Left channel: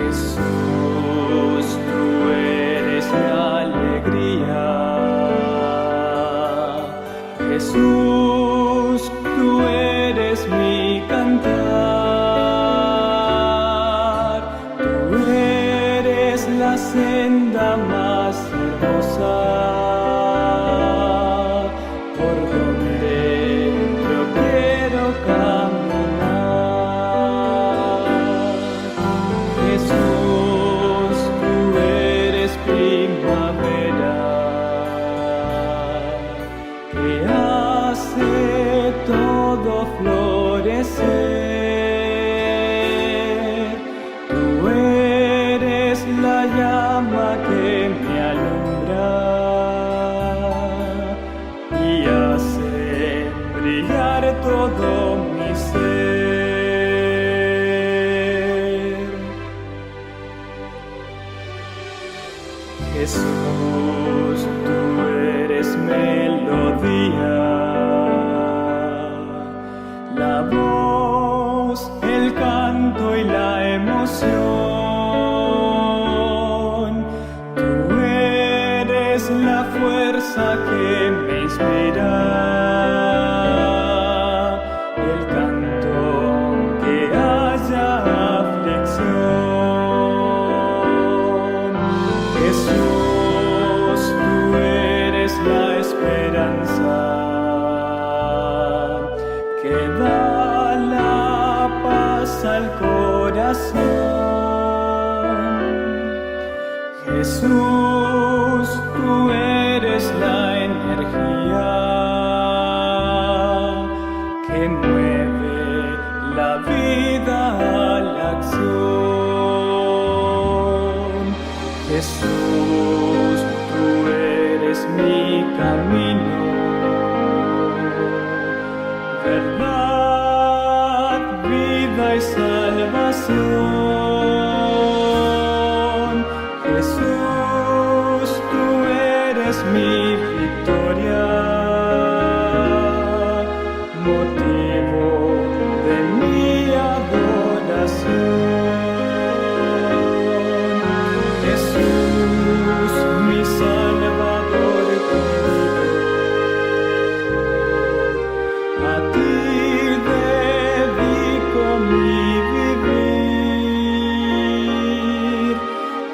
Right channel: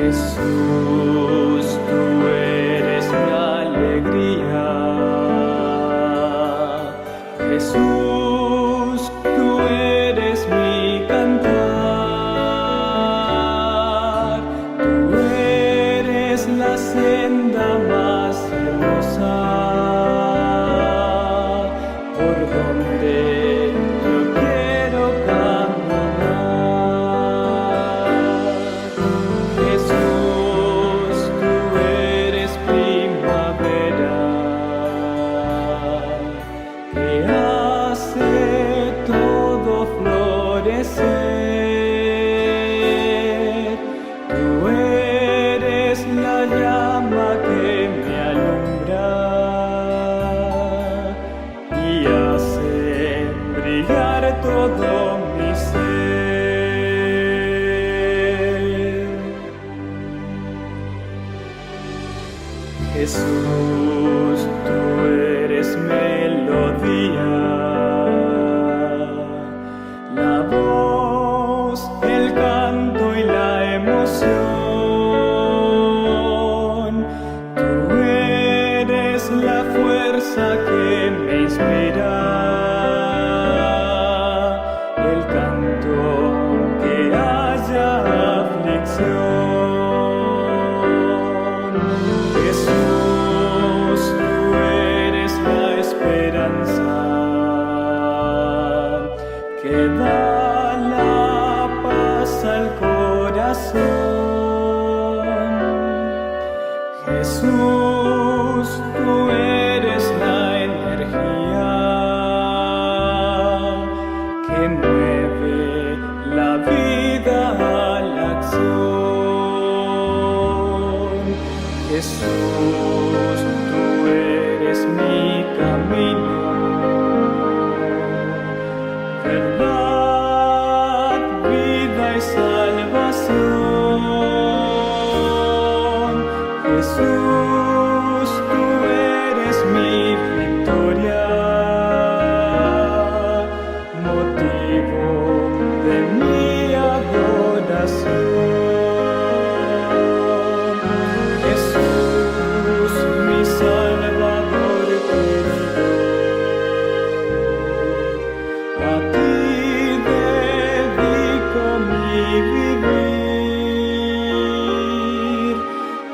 Jesús, tú eres mi alegría. Jesús, tú eres mi cantar. Tú eres la senda más hermosa por donde yo quiero caminar. Jesús, tú eres primavera que hace todo florecer. Tú eres la llama que me alumbra y hace brillar todo mi ser. Jesús, tú eres melodía, la voz, el canto y la emoción. Tú eres la fuerza que me inspira, el canto aunque haya aflicción. Jesús, tú eres la esperanza que da la paz al corazón. Jesús, tú eres la energía que mueve la vida a la acción. Jesús, tú eres mi camino, verdad, vida y salvación. Jesús, tú eres mi victoria, motivo de mi adoración. Jesús, mi Salvador querido, a ti dedico mi vivir.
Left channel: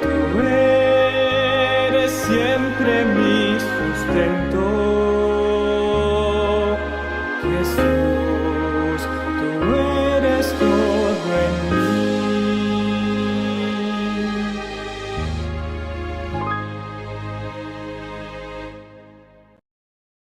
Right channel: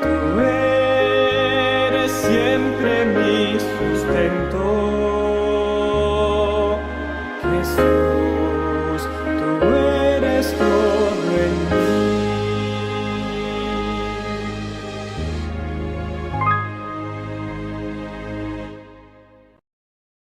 Tú eres siempre mi sustento, Jesús.